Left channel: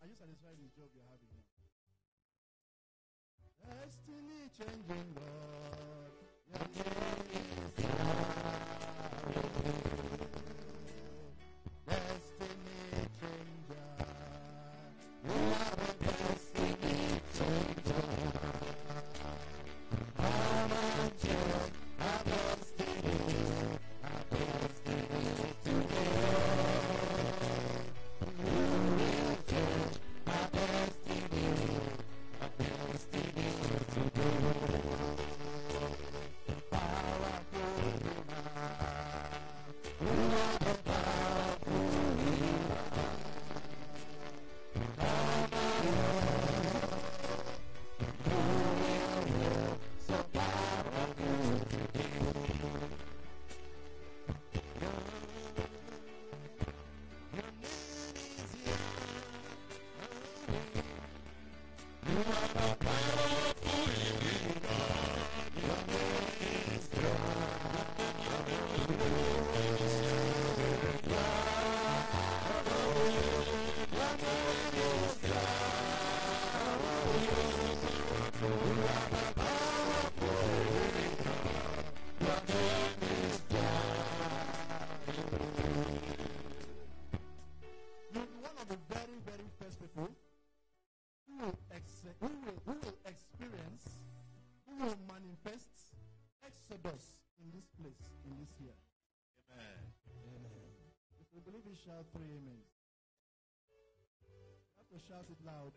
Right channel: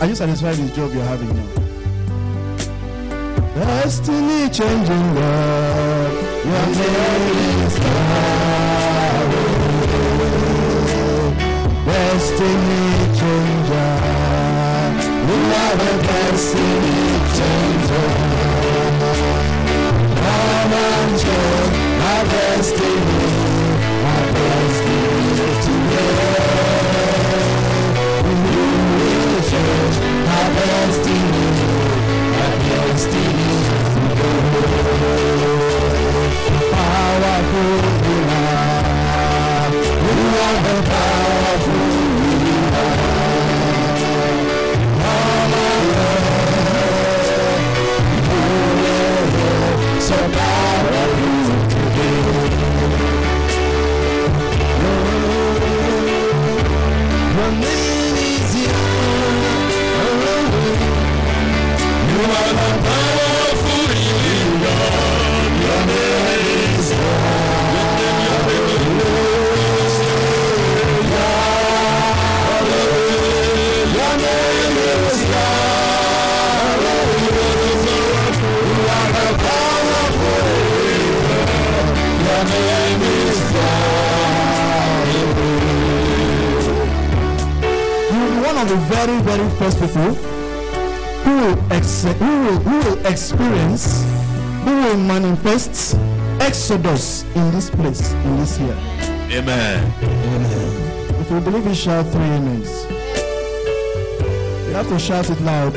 Are you satisfied with the job you're having now? Destiny changing God, your name is Yahweh. Destiny changer, you are the destiny changer. Come and change my destiny today. My destiny to go. Powerful ruler, you are the powerful ruler. Come on, you will so powerful today. Your name is you are the powerful living God. Your name is God. Your name is God. You are the powerful living God. Your name is God. You are one of the very, very first people who will experience, who will manifest Exodus in this place, in this year. Amen. Amen. If you believe it, shout 3 amens. You have to shout it loud.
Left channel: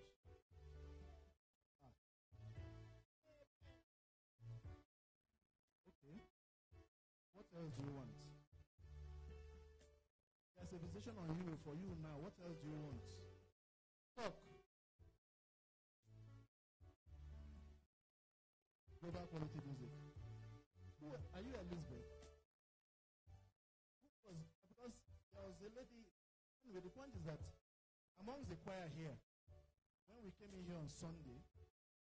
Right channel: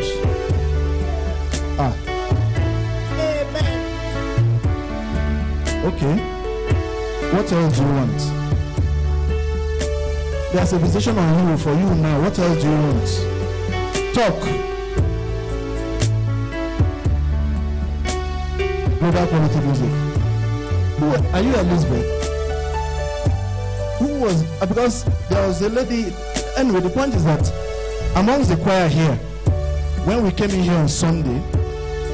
Amen. Okay. What else do you want? There's a visitation on you for you now. What else do you want? Talk. Global quality music. Who are you, Elizabeth? Who was? Because there was a lady. Anyway, the point is that amongst the choir here, when we came in here on Sunday,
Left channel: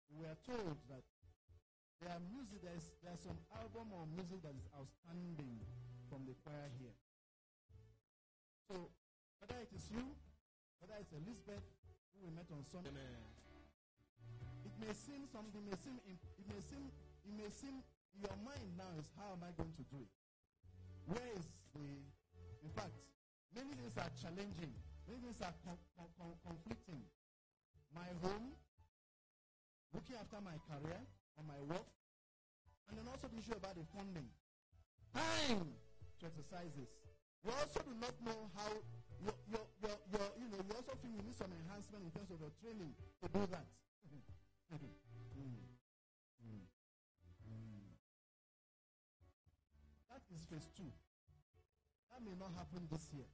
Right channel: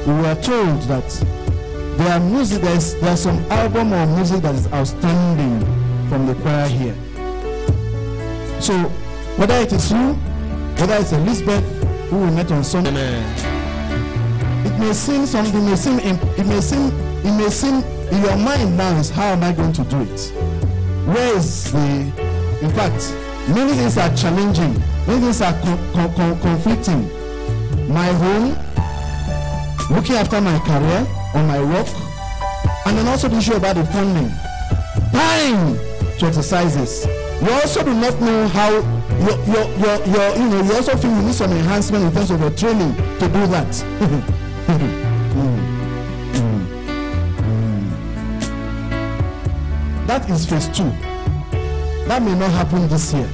we were told that there are music. There's some album or music that is outstanding from the choir here. So whether it is you, whether it's Elizabeth who we met on Sunday. Amen. It may seem something, it may seem in your mind now is, how am I going to do it? Where is the, in fact, many things are challenging, many things are conflicting. My home, looking after my career or my work, and then also the issue about the funding. Time to exercise this. You also do not know how you also feel you need some enhancement in terms of your training to do that. That is phase 2. That may not happen this year.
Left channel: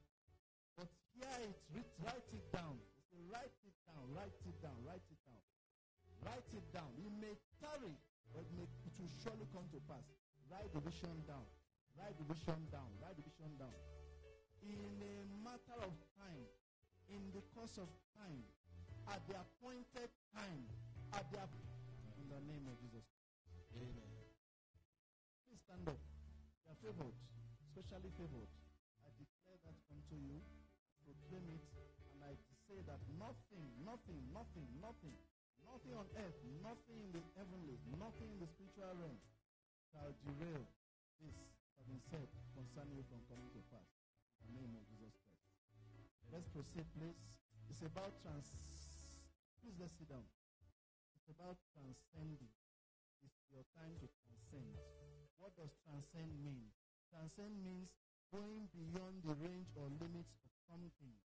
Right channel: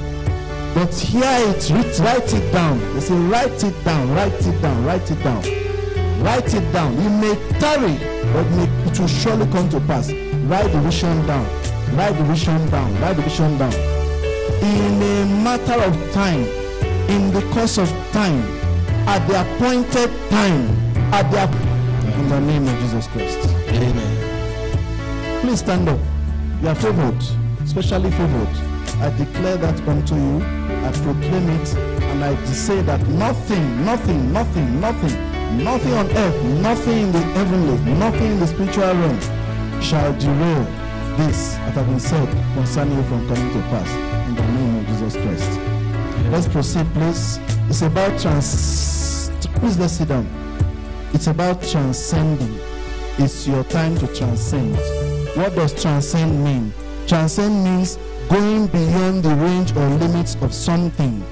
But here write it down. They say write it down, write it down, write it down. Write it down. It may tarry, but it will surely come to pass. Write the vision down. Write the vision down. Write the vision down. In a matter of time, in the course of time, at the appointed time, in the name of Jesus Christ. Amen. Please stand up. You are favored, especially favored. I declare that unto you. I proclaim it, and I say that nothing on earth, nothing in the heavenly, nothing in the spiritual realm shall derail this that have been said concerning you from coming to pass. In the name of Jesus Christ. Let's proceed, please. It's about please let's sit down. It's about transcending. It's your time to transcend. What does transcend mean? Transcend means going beyond the range or limits of something.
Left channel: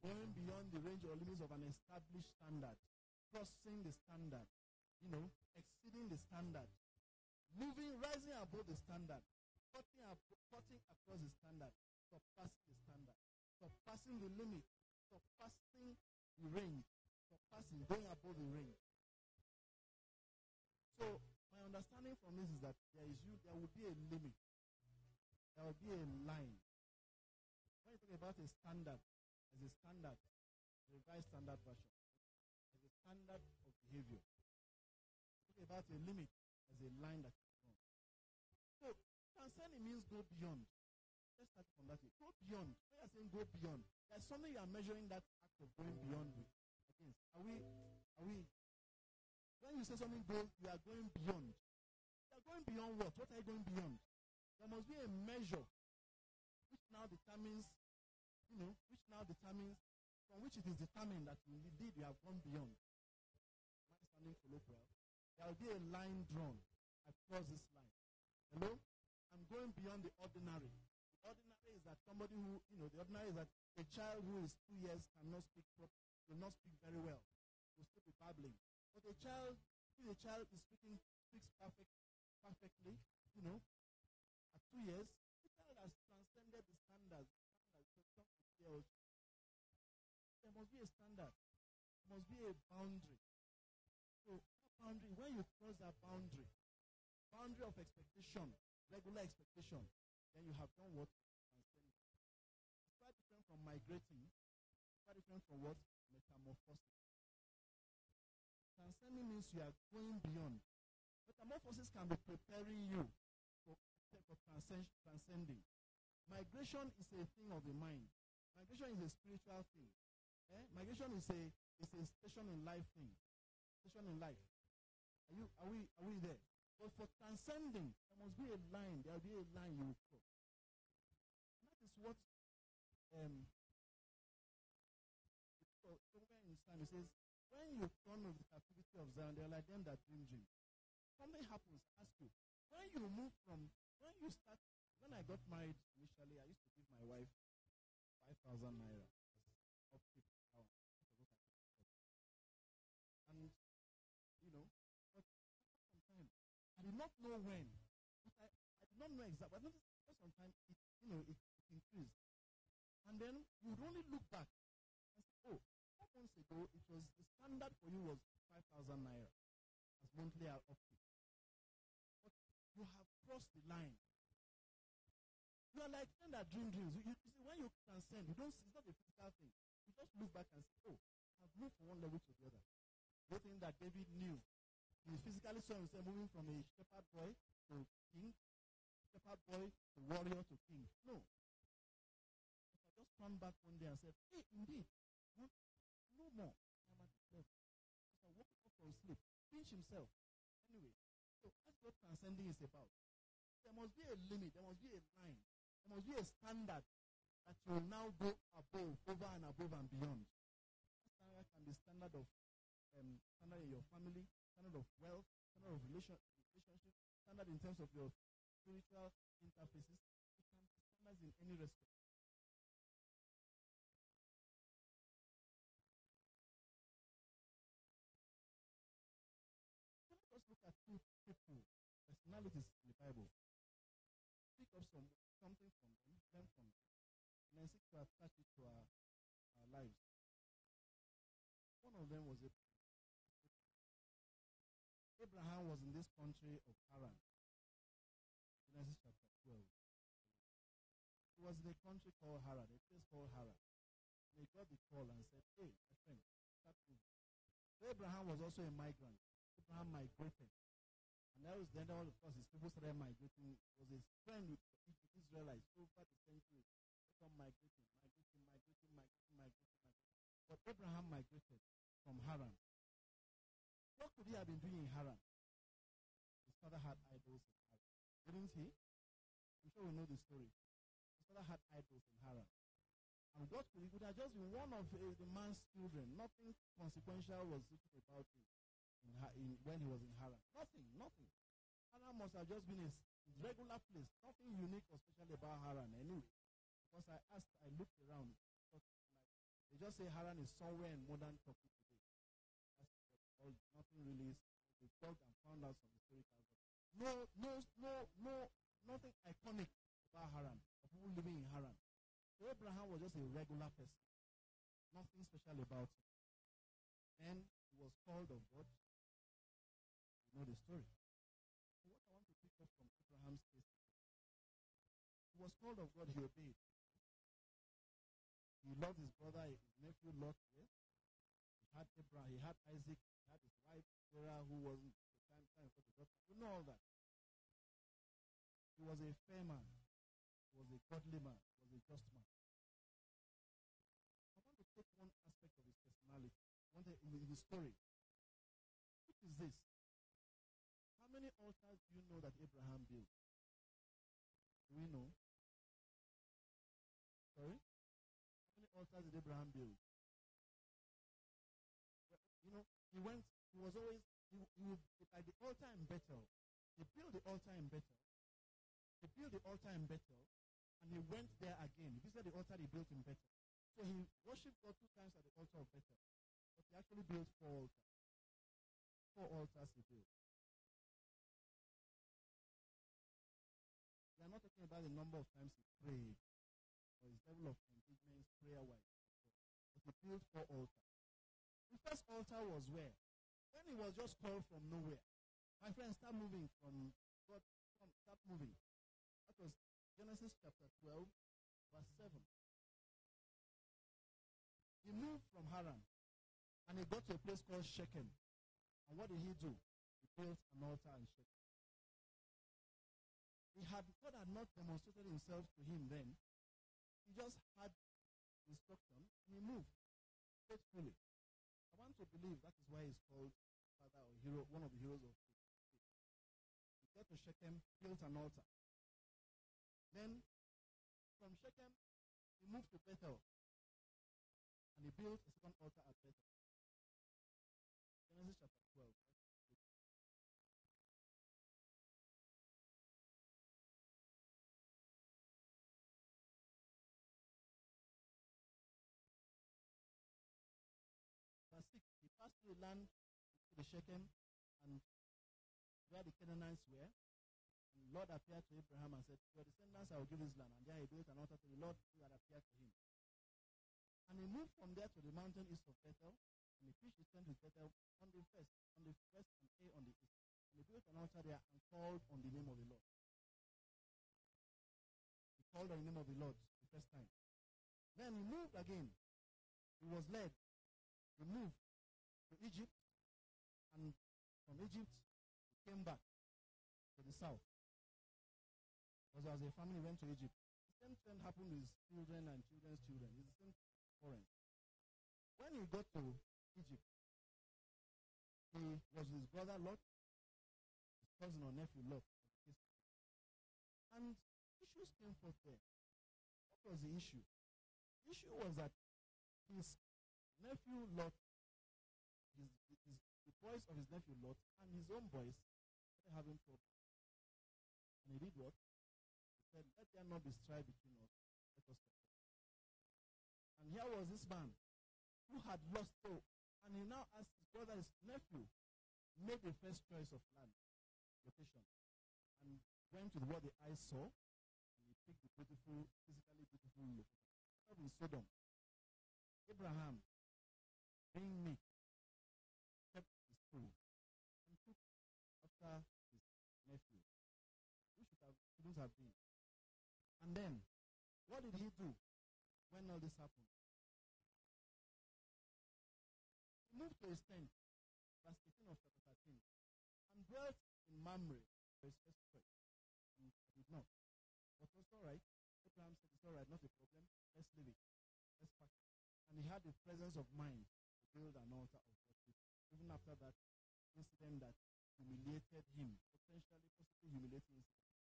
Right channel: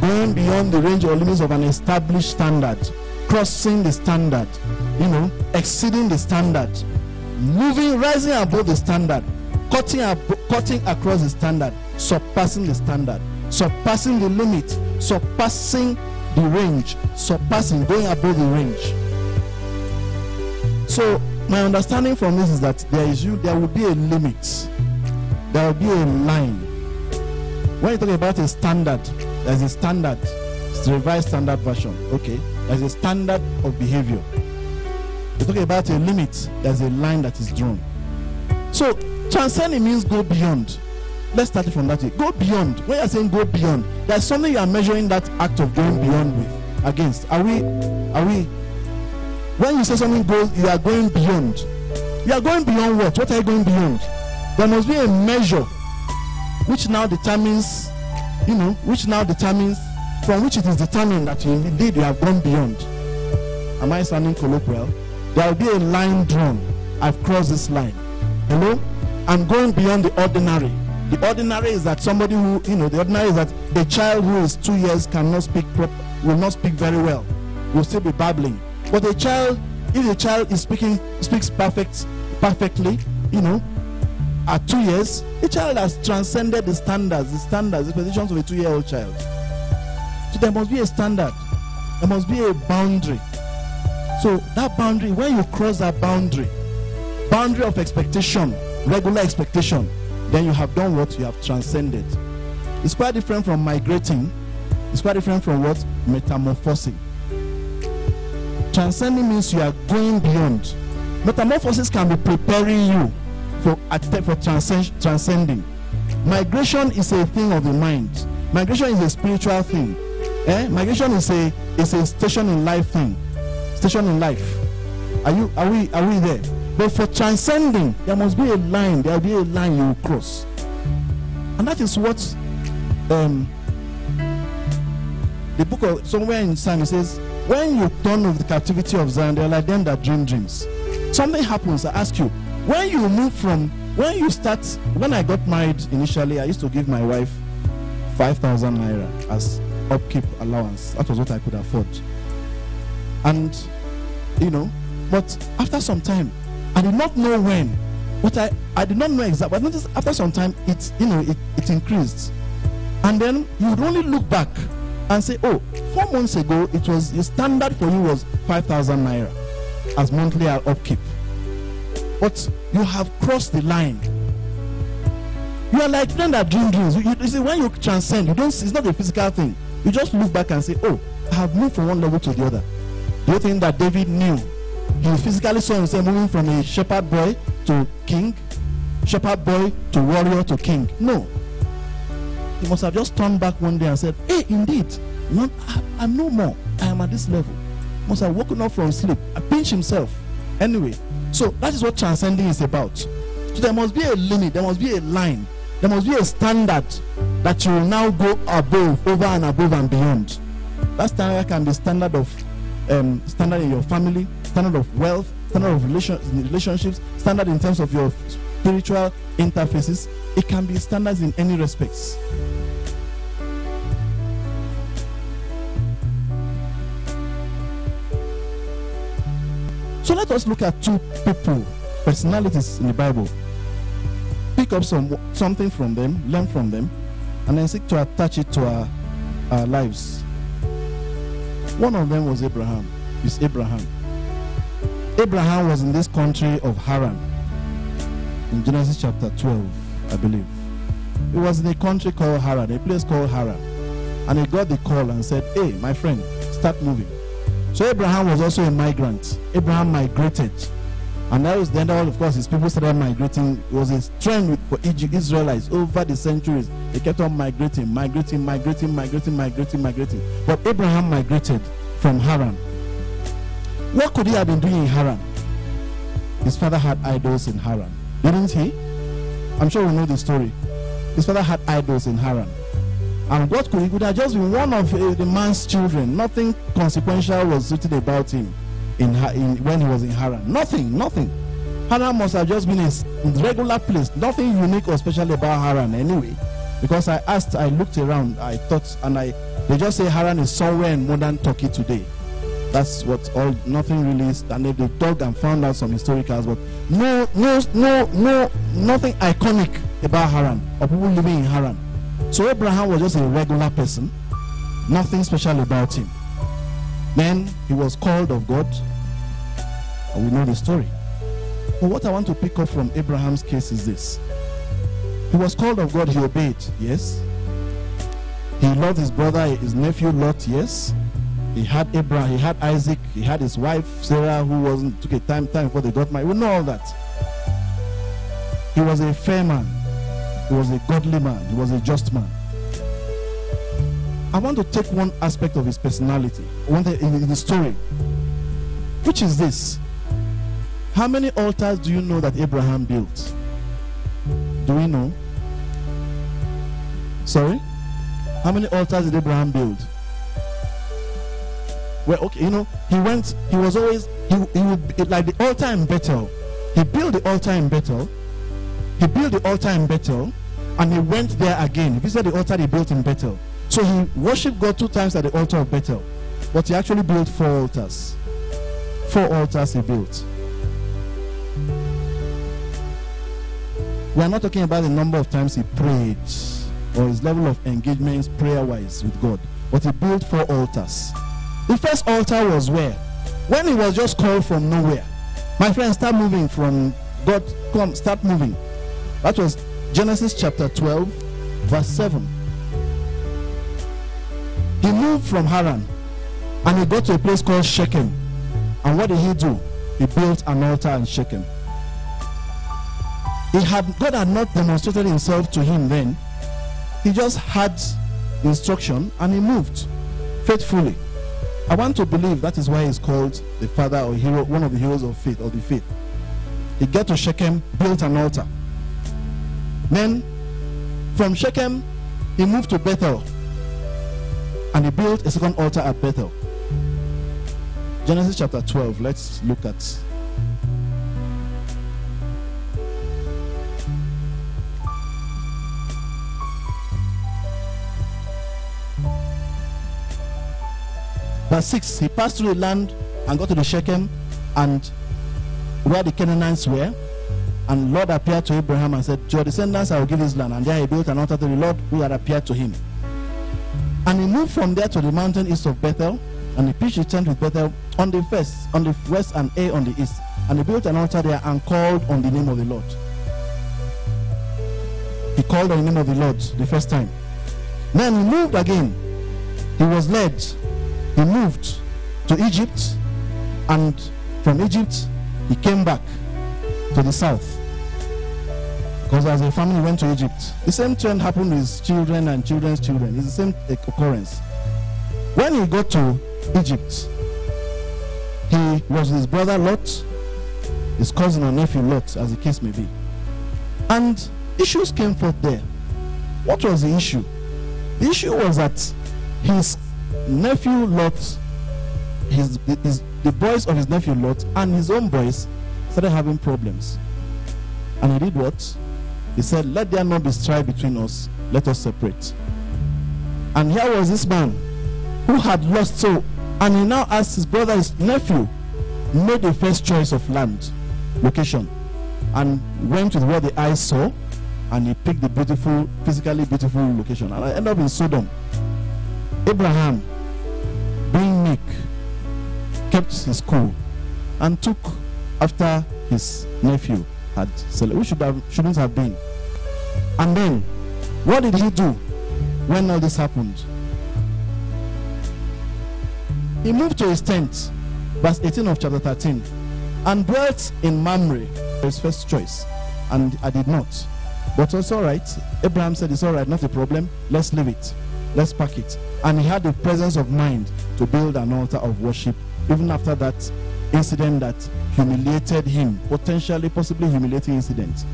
Going beyond the range or limits of an established standard. Crossing the standard. Exceeding the standard. Moving, rising above the standard. Cutting across the standard. Surpassing the standard. Surpassing the limit. Surpassing the range. Going above the range. So, my understanding from this is that there will be a limit. There will be a line. When you talk about a standard, there's a standard. It's the revised standard version. Okay. There's a standard of behavior. You're talking about a limit. There's a line that is drawn. So, transcending means go beyond. Let's start it from that way. Go beyond. When you're saying go beyond, there's something you are measuring that act of going beyond with against. Are we? When you say something goes, you are going beyond. You are going beyond what? What are you going beyond? There must be a measure which now determines, from which it is determined that indeed you have gone beyond. Am I sounding colloquial? There will be a line drawn. I've crossed this line. Hello? I'm going beyond the ordinary. The ordinary is that somebody who, the ordinary is that a child who is 2 years cannot speak will not speak very well. Will still be babbling. But a child, if the child is speaks perfectly, at 2 years, the child has transcended the standards, the positions of a 2-year-old child. So there must be a standard. There must be a boundary. So that boundary, when you cross that boundary of expectation, regular expectation, then you have done what? You have transcended. It's quite different from migrating. It's quite different from what? Metamorphosing. Transcending means you are going beyond. Metamorphosis can be preparing you for transcending. Migration is a thing of the mind. Migration is a spiritual thing. Migration is a station in life thing. Station in life. Are we there? But for transcending, there must be a line. There will be a line you will cross. And that is what the book of somewhere in Psalm says, when you turn of the captivity of Zion, they are like them that dream dreams. Something happens. I ask you, when I got married initially, I used to give my wife 5,000 naira as upkeep allowance. That was what I could afford. And, but after some time, I did not know when, but I did not know exactly. But notice after some time, it increased. And then you would only look back and say, oh, 4 months ago, it was the standard for you was 5,000 naira as monthly upkeep. But you have crossed the line. You are like them that dream dreams. You see, when you transcend, it's not a physical thing. You just look back and say, oh, I have moved from one level to the other. Do you think that David knew? He physically saw himself moving from a shepherd boy to king, shepherd boy to warrior to king. No. He must have just turned back one day and said, hey, indeed, I'm no more. I am at this level. Must have woken up from sleep. I pinched himself. Anyway, so that is what transcending is about. So there must be a limit. There must be a line. There must be a standard that you will now go above, over and above and beyond. That standard can be standard of standard in your family, standard of wealth, standard of relationships, standard in terms of your spiritual interfaces. It can be standards in any respects. So let us look at two people, personalities in the Bible. Pick up something from them, learn from them, and then seek to attach it to our lives. One of them was Abraham. It's Abraham. Abraham was in this country of Haran. In Genesis chapter 12, I believe. He was in a country called Haran, a place called Haran. And he got the call and said, hey, my friend, start moving. So Abraham was also a migrant. Abraham migrated. And that was then, of course, his people started migrating. It was a trend for Israelites over the centuries. They kept on migrating. But Abraham migrated from Haran. What could he have been doing in Haran? His father had idols in Haran. Didn't he? I'm sure we know the story. His father had idols in Haran. And what could he could have just been one of the man's children. Nothing consequential was written about him when he was in Haran. Nothing. Haran must have just been a regular place. Nothing unique or special about Haran anyway. Because I looked around, I thought, and they just say Haran is somewhere in modern Turkey today. That's what nothing really is. And they dug and found out some historicals, but nothing iconic about Haran or people living in Haran. So Abraham was just a regular person, nothing special about him. Then he was called of God, and we know the story. But what I want to pick up from Abraham's case is this. He was called of God, he obeyed, yes. He loved his brother, his nephew Lot, yes. He had Abraham, he had Isaac, he had his wife Sarah, who took a time before they got married. We know all that. He was a fair man. He was a godly man. He was a just man. I want to take one aspect of his personality, in the story, which is this. How many altars do you know that Abraham built? Do we know? Sorry? How many altars did Abraham build? Well, okay, he was always, he would, like the altar in Bethel. He built the altar in Bethel. He built the altar in Bethel, and he went there again. If you said the altar he built in Bethel. So he worshipped God 2 times at the altar of Bethel. But he actually built 4 altars. 4 altars he built. We are not talking about the number of times he prayed or his level of engagement prayer-wise with God. But he built 4 altars. The first altar was where? When he was just called from nowhere. My friend, start moving from God. Come, start moving. That was Genesis chapter 12, verse 7. He moved from Haran and he got to a place called Shechem. And what did he do? He built an altar in Shechem. God had not demonstrated himself to him then. He just had instruction and he moved faithfully. I want to believe that is why he's called the father or hero, one of the heroes of faith, or the faith. He got to Shechem, built an altar. Then from Shechem, he moved to Bethel. And he built a second altar at Bethel. Genesis chapter 12, let's look at. Verse 6, he passed through the land and got to the Shechem and where the Canaanites were. And Lord appeared to Abraham and said, to your descendants I will give this land. And there he built an altar to the Lord who had appeared to him. And he moved from there to the mountain east of Bethel, and he pitched his tent with Bethel on the west and Ai on the east. And he built an altar there and called on the name of the Lord. He called on the name of the Lord the first time. Then he moved again. He was led. He moved to Egypt, and from Egypt he came back to the south. Because as a family went to Egypt. The same trend happened with his children and children's children. It's the same occurrence. When he got to Egypt, he was with his brother Lot, his cousin or nephew Lot, as the case may be. And issues came forth there. What was the issue? The issue was that his nephew Lot, the boys of his nephew Lot and his own boys started having problems. And he did what? He said, let there not be strife between us, let us separate. And here was this man who had lost so, and he now asked his brother, his nephew, made the first choice of land, location, and went with what the eyes saw, and he picked the beautiful, physically beautiful location. And I ended up in Sodom. Abraham, being meek, kept his cool and took after his nephew had celebrated, which shouldn't have been. And then, what did he do when all this happened? He moved to his tent, verse 18 of chapter 13, and dwelt in Mamre, his first choice. And I did not. But it's all right. Abraham said, it's all right, not a problem. Let's leave it. Let's pack it. And he had the presence of mind to build an altar of worship, even after that incident that humiliated him, potentially, possibly humiliating incident.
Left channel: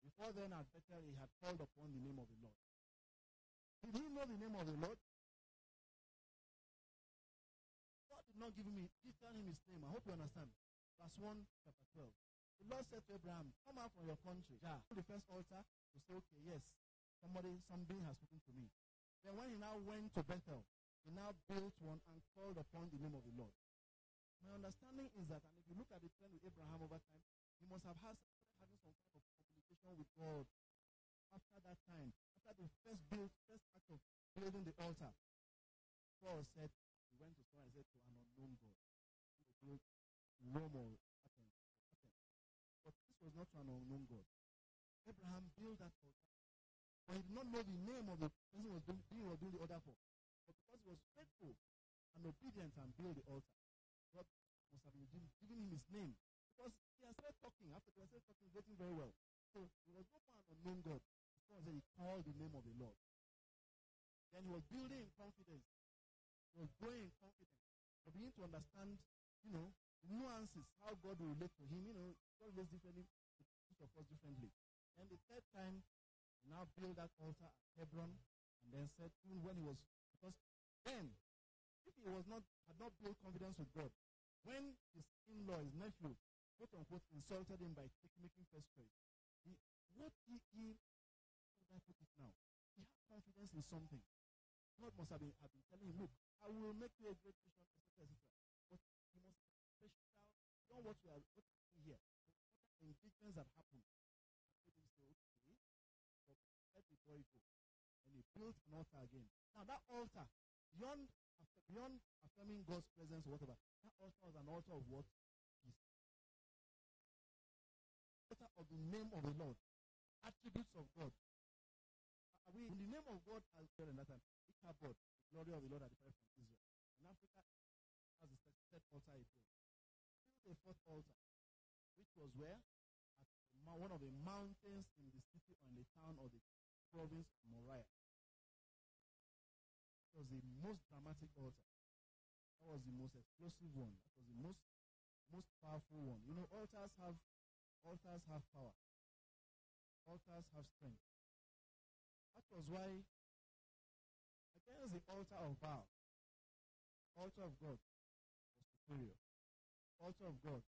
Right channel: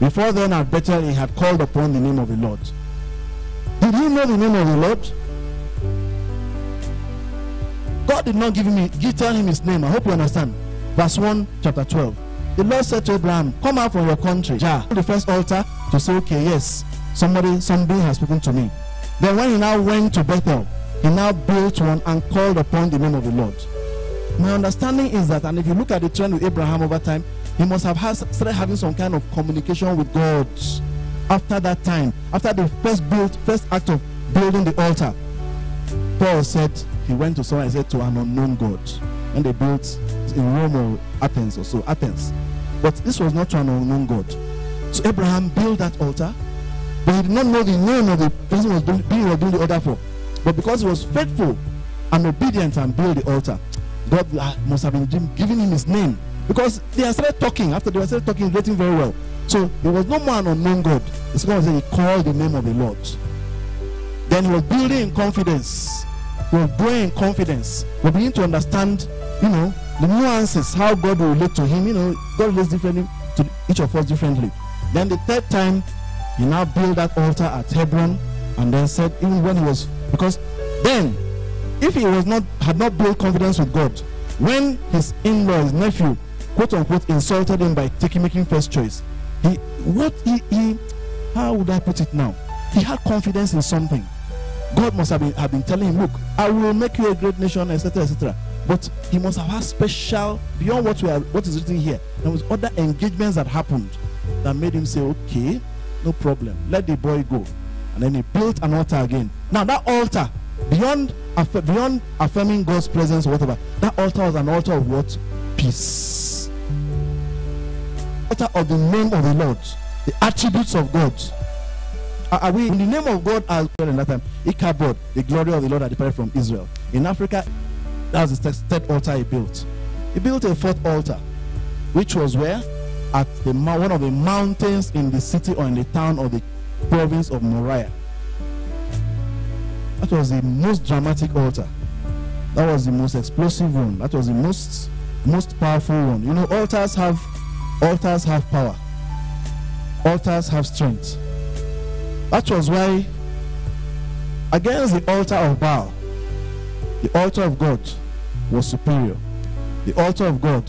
Before then, at Bethel, he had called upon the name of the Lord. Did he know the name of the Lord? God did not tell him his name. I hope you understand. Verse 1, chapter 12. The Lord said to Abraham, come out from your country. The first altar to say, okay, yes, somebody has spoken to me. Then when he now went to Bethel, he now built one and called upon the name of the Lord. My understanding is that, and if you look at the trend with Abraham over time, he must have started having some kind of communication with God after that time, after the first act of building the altar. Paul said he went to someone and said to an unknown God, and they built in Rome or Athens or so, Athens. But this was not to an unknown God. So Abraham built that altar, but he did not know the name of the person was doing the altar for. But because he was faithful and obedient and built the altar, God must have been giving him his name. Because they had started talking, after they started talking, relating very well. So there was no more an unknown God. The second one said he called the name of the Lord. Then he was building in confidence. He was growing in confidence. We begin to understand, the nuances, how God will relate to him. God relates differently to each of us differently. Then the third time, he now built that altar at Hebron, and then said, even when he was, because then, if he had not built confidence with God, when his in-law, his nephew, quote unquote, insulted him by making first choice, how would I put it now? He had confidence in something. God must have been telling him, look, I will make you a great nation, etc., etc. But he must have had special, beyond what is written here, there was other engagements that happened that made him say, okay, no problem, let the boy go. And then he built an altar again. Now that altar, beyond affirming God's presence or whatever, that altar was an altar of what? Peace. Altar of the name of the Lord, the attributes of God. Are we in the name of God as well in that time? Ichabod, the glory of the Lord that departed from Israel. In Africa, that was the third altar he built. He built a fourth altar, which was where? At one of the mountains in the city or in the town of the province of Moriah. That was the most dramatic altar. That was the most explosive one. That was the most powerful one. Altars have power. Altars have strength. That was why, against the altar of Baal, the altar of God was superior. The altar of God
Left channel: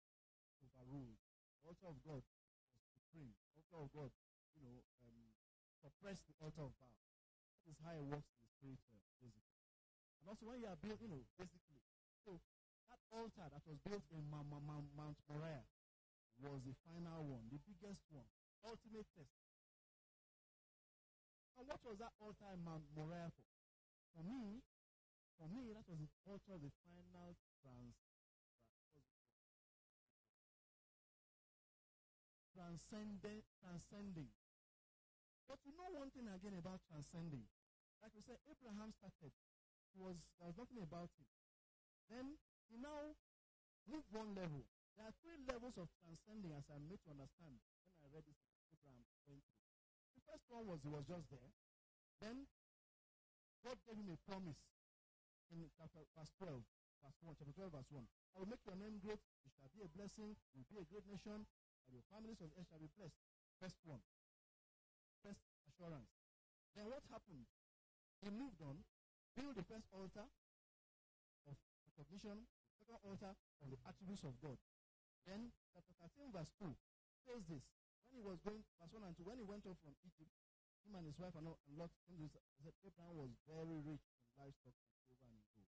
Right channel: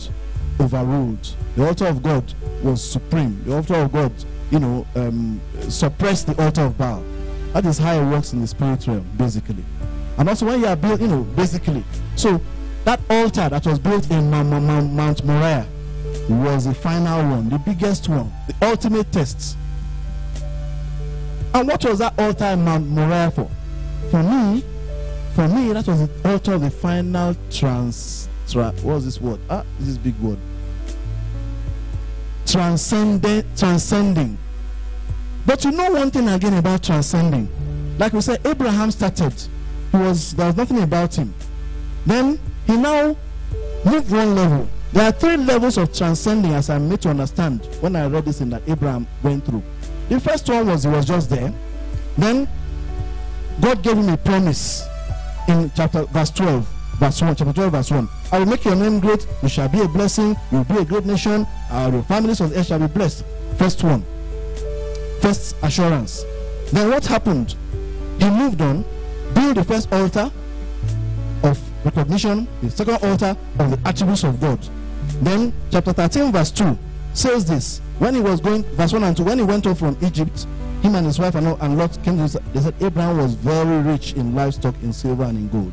overruled. The altar of God was supreme. The altar of God, suppressed the altar of Baal. That is how it works in the spirit realm, basically. And also when you are built, basically. So that altar that was built in Mount Moriah was the final one, the biggest one, the ultimate test. And what was that altar in Mount Moriah for? For me, that was the altar of the final what was this word? This big word. Transcending. But one thing again about transcending. Like we said, Abraham started. There was nothing about him. Then he now moved one level. There are 3 levels of transcending, as I'm made to understand when I read this in that Abraham went through. The first one was he was just there. Then God gave him a promise in verse 12, chapter 12, verse 1. I will make your name great, you shall be a blessing, you will be a great nation, your families of the earth shall be blessed. First one. first assurance. Then what happened? He moved on, built the first altar of recognition, the second altar of the attributes of God. Then chapter 13 verse 2 says this: when he was going, verse 1 and 2, when he went off from Egypt, him and his wife and Lot came to, they said Abraham was very rich in livestock, in silver and in gold.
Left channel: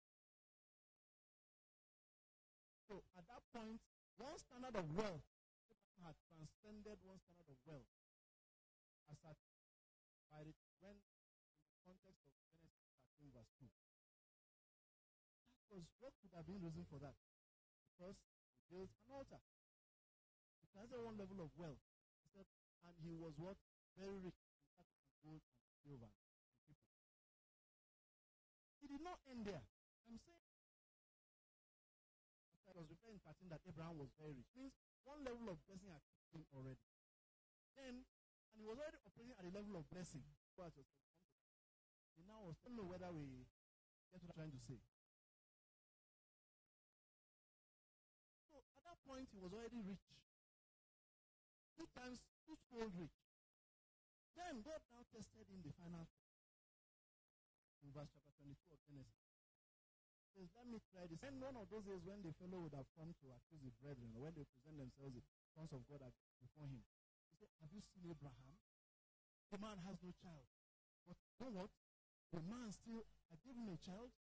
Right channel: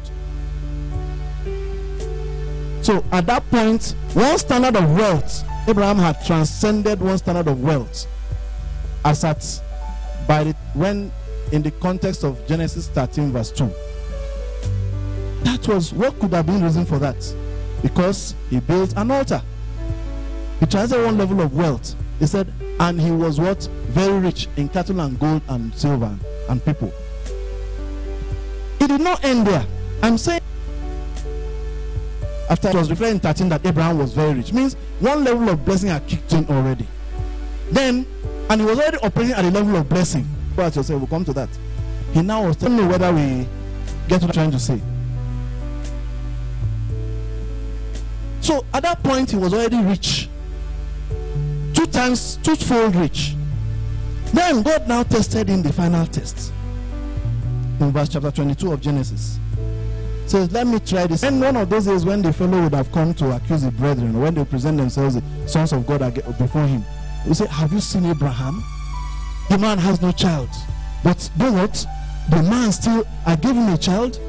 So at that point, one standard of wealth, Abraham had transcended one standard of wealth, as at when in the context of Genesis 13 verse 2. That was what could have been the reason for that. Because he built an altar. He transcended one level of wealth. He said, and he was what? Very rich in cattle and gold and silver and people. It did not end there. I'm saying, after it was referred in 13 that Abraham was very rich, means one level of blessing had kicked in already. Then, and he was already operating at a level of blessing. But yourself, we'll come to that. He now was telling me whether we get what I'm trying to say. So at that point, he was already rich. Twofold rich. Then God now tested him the final test. In verse chapter 22 of Genesis. Says, let me try this. And one of those days when the fellow would have come to accuse the brethren, or when they present themselves the sons of God before him, he say, have you seen Abraham? The man has no child. But do what? The man still, I gave him a child.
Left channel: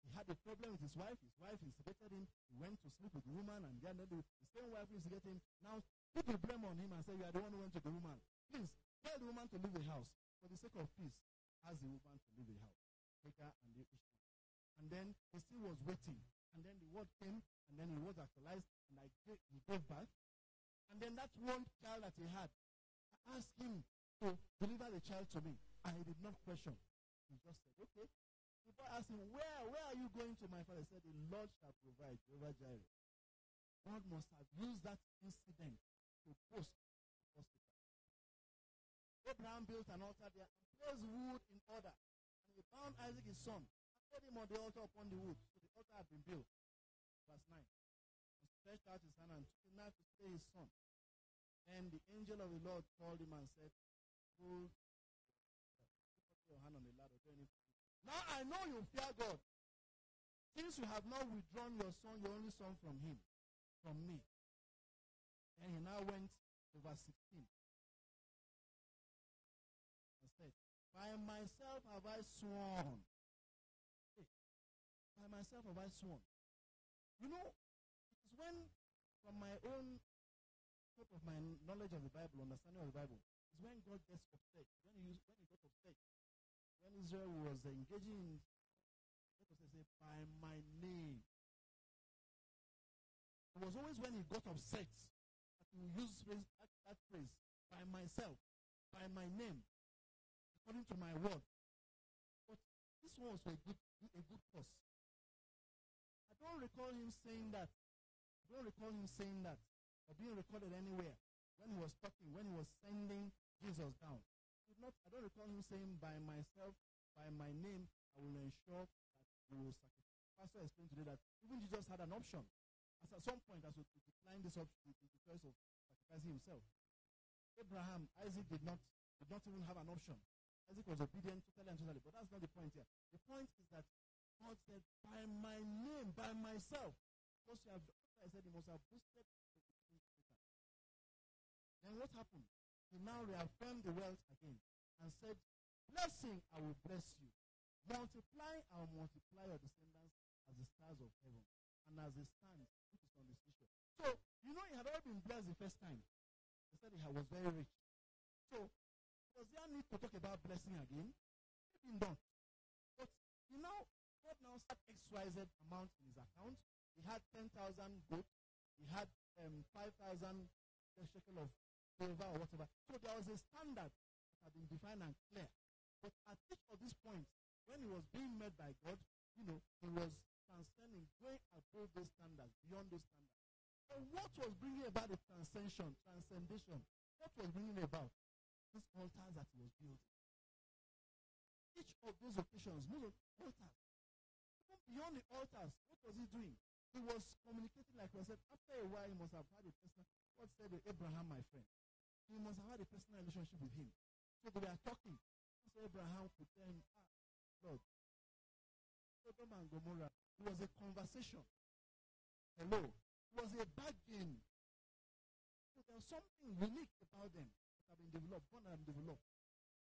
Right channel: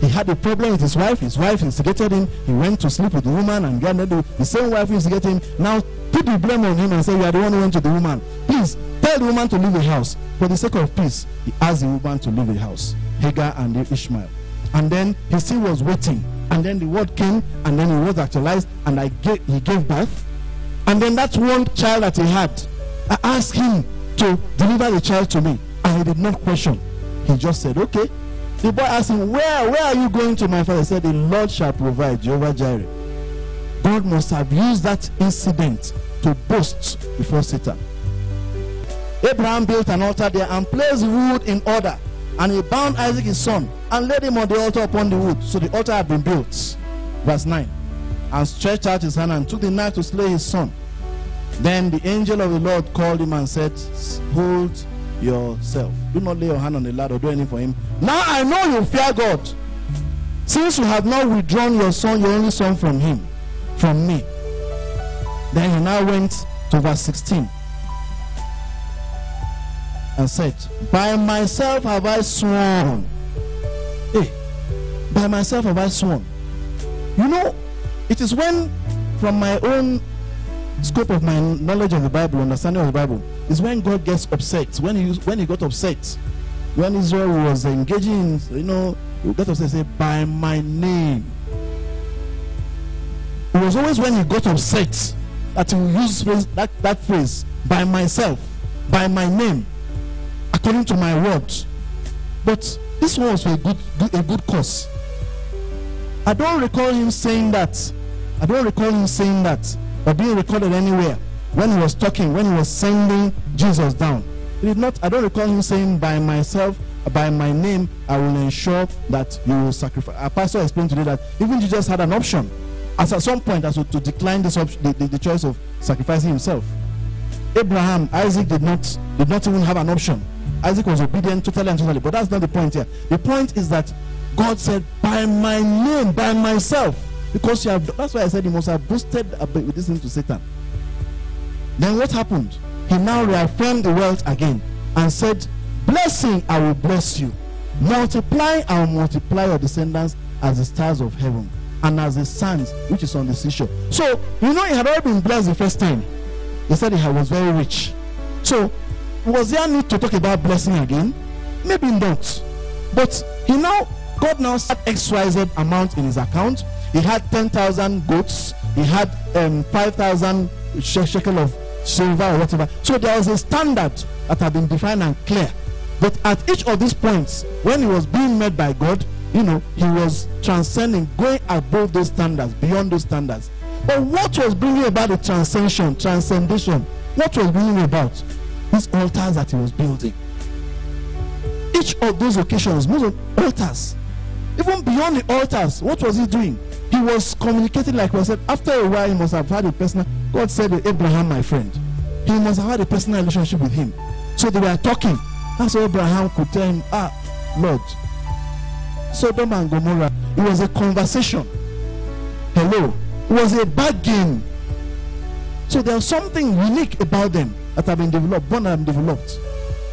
He had a problem with his wife. His wife instigated him. He went to sleep with the woman, and the same wife instigated him. Now put the blame on him and say, you are the one who went to the woman. Please tell the woman to leave the house. For the sake of peace, he asked the woman to leave the house, Hagar and Ishmael. And then he still was waiting. And then the word came, and then it was actualized, and he gave birth. And then that one child that he had, I asked him to deliver the child to me, and he did not question. He just said, okay. The boy asked him, where are you going to, my father? He said, the Lord shall provide, Jehovah Jireh. God must have used that incident to boast before Satan. Abraham built an altar there and placed the wood in order. And he bound Isaac his son and laid him on the altar upon the wood. So the altar had been built. Verse 9. And stretched out his hand and took the knife to slay his son. Then the angel of the Lord called him and said, hold yourself. Do not lay your hand on the lad or do anything for him. Now I know you fear God, since you have not withdrawn your son, your only son, from me. Then he now went to verse 16 and said, by myself have I sworn. Hey, by myself have I sworn. You know, it is when, from my own scope of my knowledge of the Bible, understanding of the Bible, is when God gets upset. When he got upset, when Israel was engaging in, he got upset, say, by my name. It was always when he got upset that he would use that phrase, by myself, by my name, according to my word. But this one was for a good cause. I don't recall him saying that. Or being recorded anywhere when he was talking, when he was sending Jesus down. He did not. I don't recall him saying, by myself, by my name, I will ensure that you will sacrifice. Our pastor explained today that even Jesus had an option, as at some point, as to decline this the choice of sacrificing himself. Abraham, Isaac did not even have an option. Isaac was obedient totally, but that's not the point here. The point is that God said, by my name, by myself. Because that's why I said he must have boasted with this thing to Satan. Then what happened? He now reaffirmed the wealth again and said, blessing, I will bless you. Multiply, I will multiply your descendants as the stars of heaven and as the sands which is on the seashore. So, he had already been blessed the first time. He said he was very rich. So, was there need to talk about blessing again? Maybe not. But God now set XYZ amount in his account. He had 10,000 goats. He had 5,000 shekel of silver or whatever. So there was a standard that had been defined and clear. But at each of these points, when he was being met by God, he was transcending, going above those standards, beyond those standards. But what was bringing about the transcendation? What was bringing about? These altars that he was building. Each of those occasions, most of altars. Even beyond the altars, what was he doing? He was communicating, like we said. After a while, he must have had a personal. God said to Abraham, my friend, he must have had a personal relationship with him. So they were talking. That's why Abraham could tell him, Lord, Sodom and Gomorrah, it was a conversation. Hello. It was a bargain. So there's something unique about them that have been developed, born and developed.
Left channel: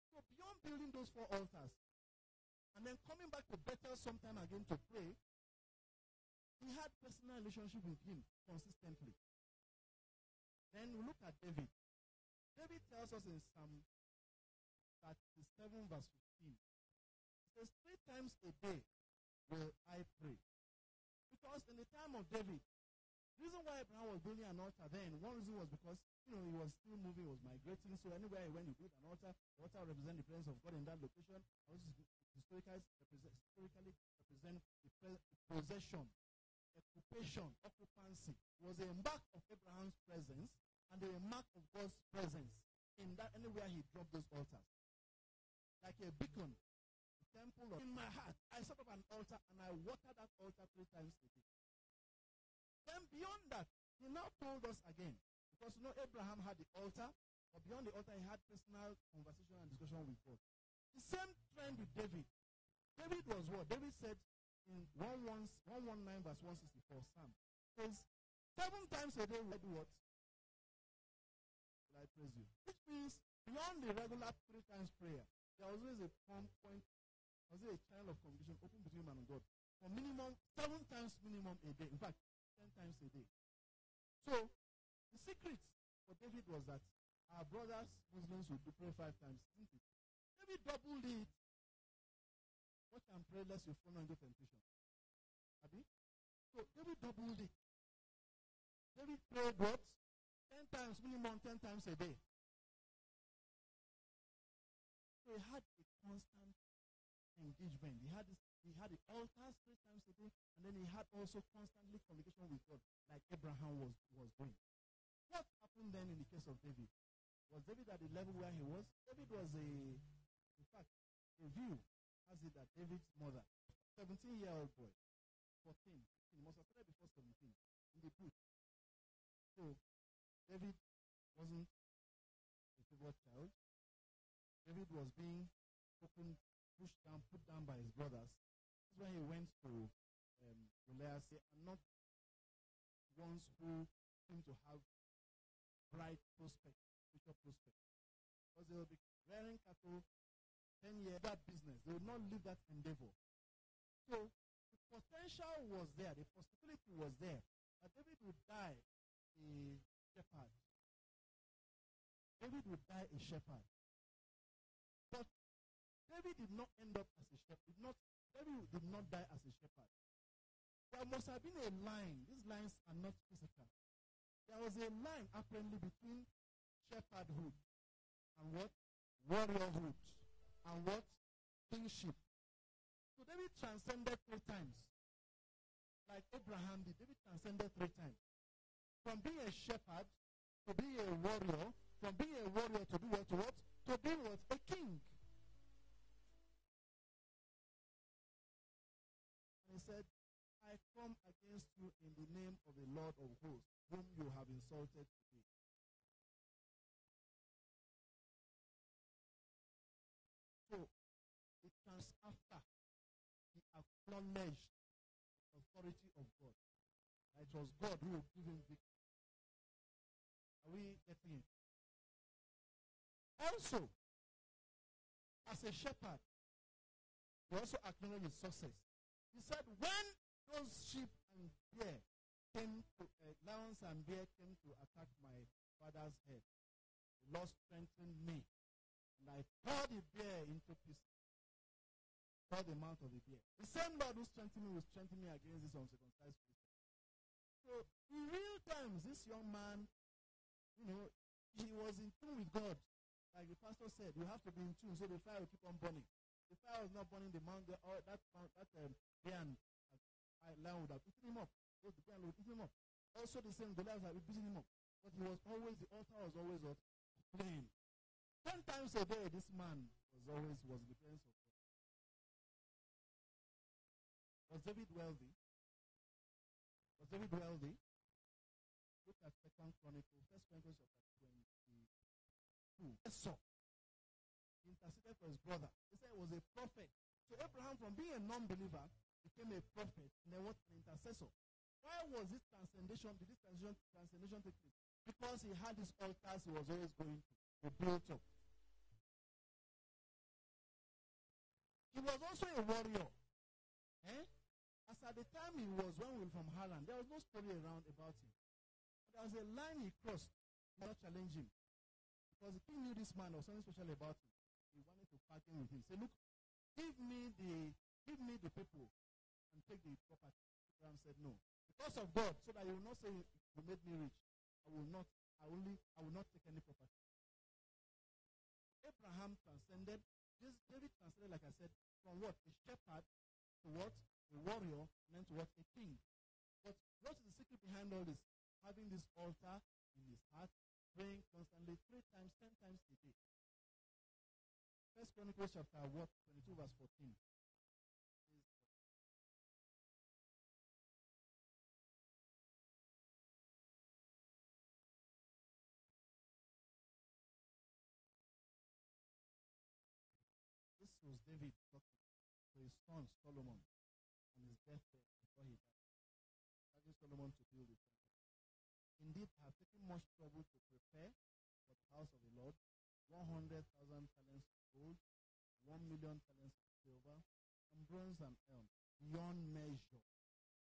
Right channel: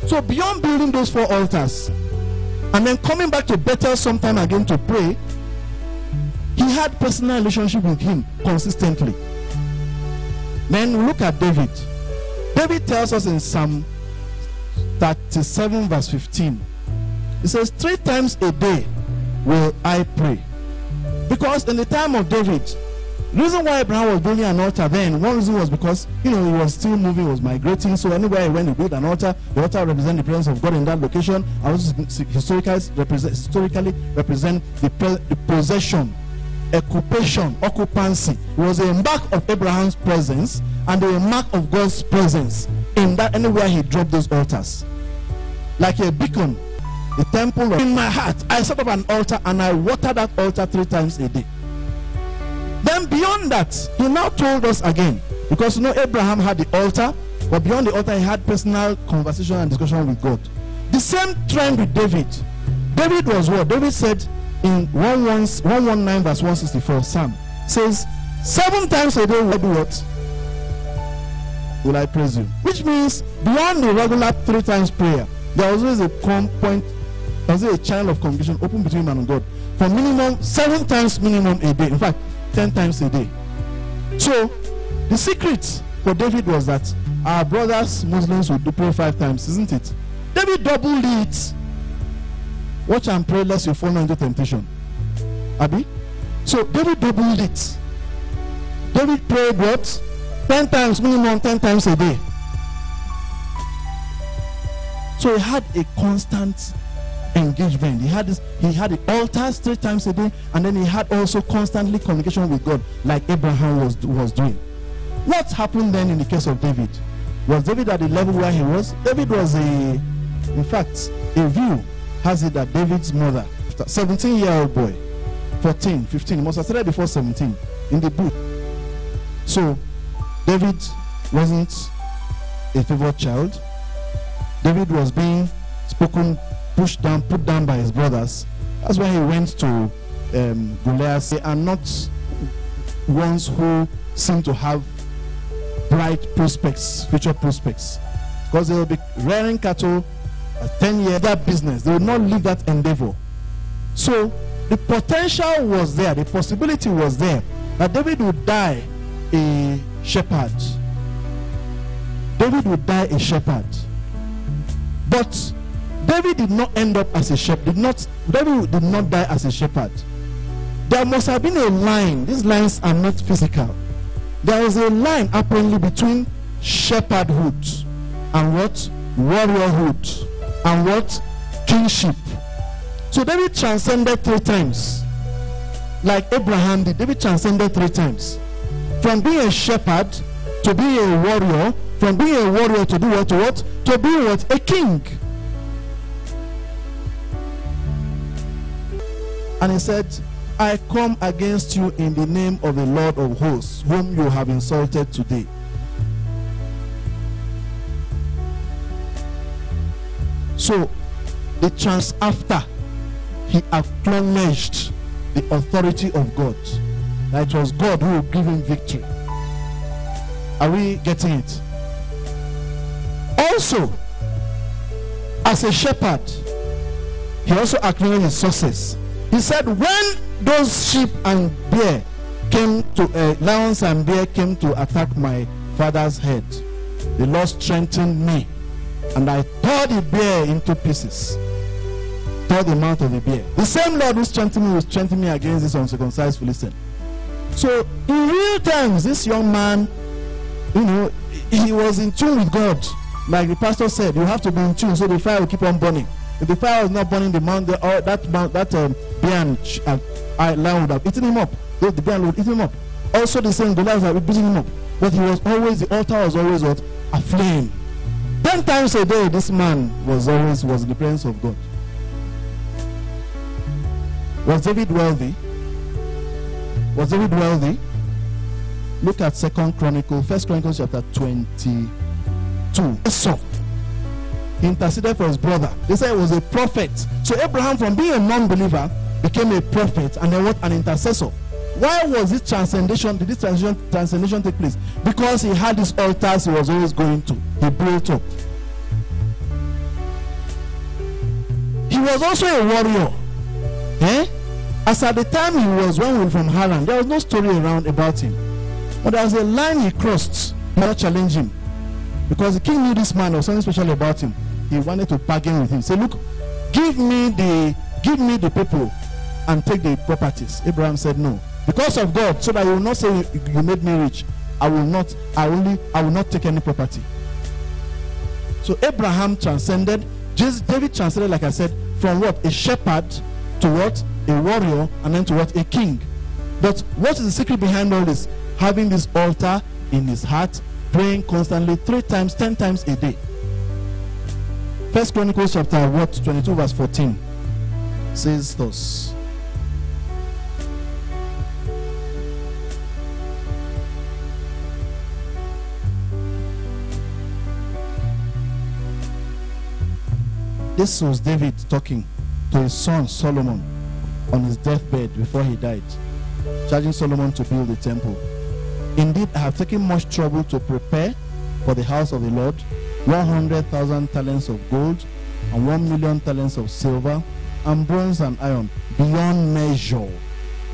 So beyond building those 4 altars, and then coming back to Bethel sometime again to pray, he had personal relationship with him consistently. Then we look at David. David tells us in Psalm 37 verse 15. He says, 3 times a day will I pray. Because in the time of David, the reason why Abraham was building an altar then, one reason was because, he was still moving, he was migrating. So anywhere he went, he built an altar. The altar represents the presence of God in that location. And also historically represent the possession, occupation, occupancy. It was a mark of Abraham's presence and a mark of God's presence in that anywhere he dropped those altars. Like a beacon, the temple in my heart, I set up an altar and I water that altar 3 times a day. Then beyond that, he now told us again, because Abraham had the altar, but beyond the altar he had personal conversation and discussion with God. The same trend with David. David was what? David said in 119 verse 164, Psalm says, 7 times a day will I do what? Will I praise you? Which means beyond the regular 3 times prayer, there was always a point, there was a channel of communication open between man and God. For minimum 7 times minimum a day. In fact, 10 times a day. So the secret for David was that our brothers Muslims would do pray 5 times, isn't it? David doubled it. Watch and pray lest you fall into temptation. Abi? So David doubled it. David prayed what? 10 times, minimum 10 times a day. So he had a constant engagement. He had the altars 3 times a day, and then he had also constantly communication with God, like Abraham was doing. What happened then in the case of David? Was David at the level where he was? David was in fact, a view has it that David's mother, 17-year-old boy, 14, 15, must have started before 17 in the book. So David wasn't a favored child. David was being pushed down, put down by his brothers. That's why he went to Goliath. They are not ones who seem to have bright prospects, future prospects, because they will be rearing cattle at 10 years, that business. They will not leave that endeavor. So the potential was there, the possibility was there that David would die a shepherd. David would die a shepherd. But David did not end up as a shepherd. David did not die as a shepherd. There must have been a line. These lines are not physical. There was a line apparently between shepherdhood and what? Warriorhood and what? Kingship. So David transcended 3 times. Like Abraham did. David transcended 3 times. From being a shepherd to being a warrior. From being a warrior to do what? To what? To be what? A king. And he said, I come against you in the name of the Lord of hosts, whom you have insulted today. So, after he acknowledged the authority of God, that it was God who would give him victory. Are we getting it? Also, as a shepherd, he also acknowledged his success. He said, when those sheep and bear came to, lions and bear came to attack my father's head, the Lord strengthened me, and I tore the bear into pieces. Tore the mouth of the bear. The same Lord who strengthened me will strengthen me against this uncircumcised Philistine. So, in real terms, this young man, he was in tune with God. Like the pastor said, you have to be in tune so the fire will keep on burning. If the fire was not burning, the mountain, that bear and lion would have eaten him up. The bear would eat him up. Also, the same Goliath would have beaten him up. But he was always, the altar was always what? Aflame. 10 times a day, this man was in the presence of God. Was David wealthy? Was David wealthy? Look at 1 Chronicles chapter 22. Esau. He interceded for his brother. They said he was a prophet. So Abraham, from being a non-believer, became a prophet, and then what? An intercessor. Why was this transcendation? Did this transcendation take place? Because he had these altars he was always going to. He built up. He was also a warrior. As at the time he was, when we were from Haran, there was no story around about him. But there was a line he crossed. He did not challenge him. Because the king knew this man, there was something special about him. He wanted to bargain with him. Say, look, give me the people and take the properties. Abraham said no. Because of God, so that you will not say you made me rich, I will not take any property. So Abraham transcended. David transcended, like I said, from what? A shepherd to what? A warrior, and then to what? A king. But what is the secret behind all this? Having this altar in his heart, praying constantly 3 times, 10 times a day. 1 Chronicles chapter 22 verse 14 says thus. This was David talking to his son Solomon on his deathbed before he died, charging Solomon to build the temple. Indeed, I have taken much trouble to prepare for the house of the Lord 100,000 talents of gold and 1,000,000 talents of silver and bronze and iron beyond measure,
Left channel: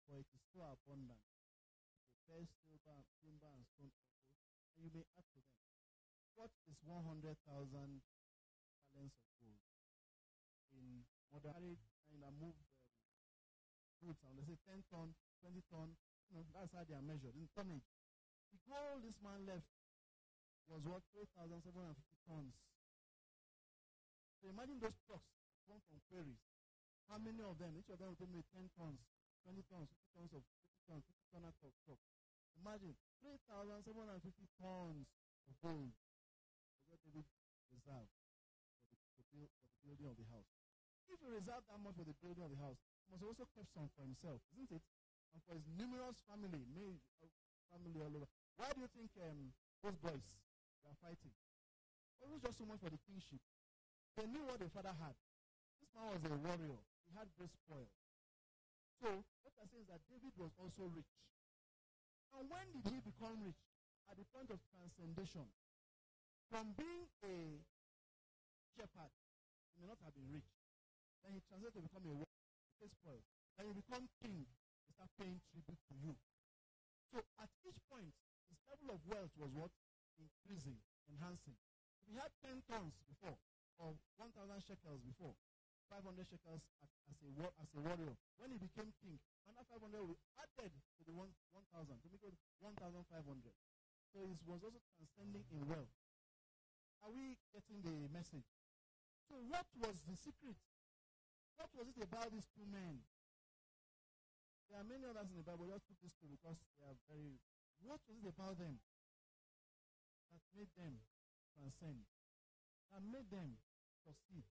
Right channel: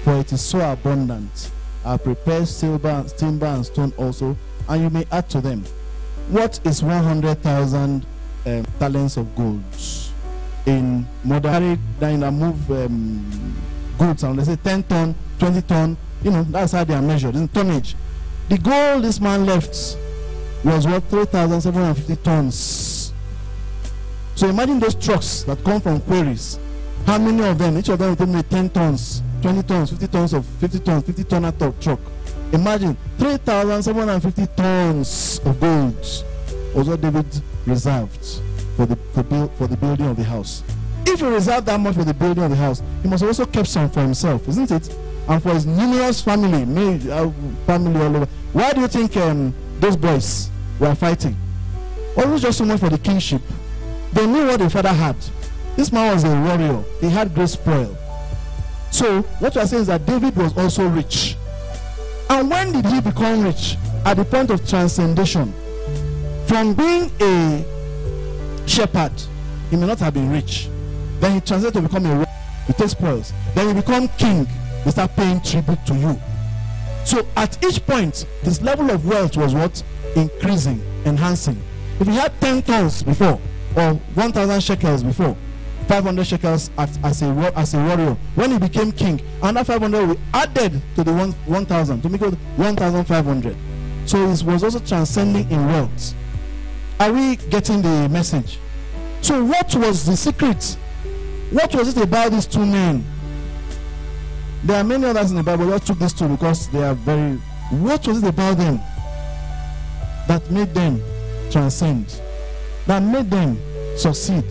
for it is so abundant. I have prepared silver, timber and stone also, and you may add to them. What is 100,000 talents of gold? In modern, then I move goods, and they say 10 ton, 20 ton, that's how they are measured, in tonnage. The gold this man left was what? 3,750 tons. So imagine those trucks that come from quarries. How many of them? Each of them will take me 10 tons, 20 tons, 50 tons of 50 tons, 50 ton of truck. Imagine 3,750 tons of gold was what David reserved for the building of the house. If he reserved that much for the building of the house, he must also keep some for himself, isn't it? And for his numerous family all over. Why do you think those boys were fighting? Well, it was just so much for the kingship. They knew what the father had. This man was a warrior. He had great spoil. So what you are saying is that David was also rich. And when did he become rich? At the point of transcendation. From being a shepherd, he may not have been rich. Then he transcended to become a warrior. He takes spoils. Then he become king. They start paying tribute to you. So at each point, this level of wealth was what? Increasing, enhancing. If he had 10 tons before, or 1,000 shekels before, 500 shekels as a warrior, when he became king, another 500 we added to the 1,000 to make it 1,500. So it was also transcending in wealth. Are we getting the message? So what was the secret? What was it about these two men? There are many others in the Bible. I just took these two because they are very... What was it about them that made them transcend? That made them succeed?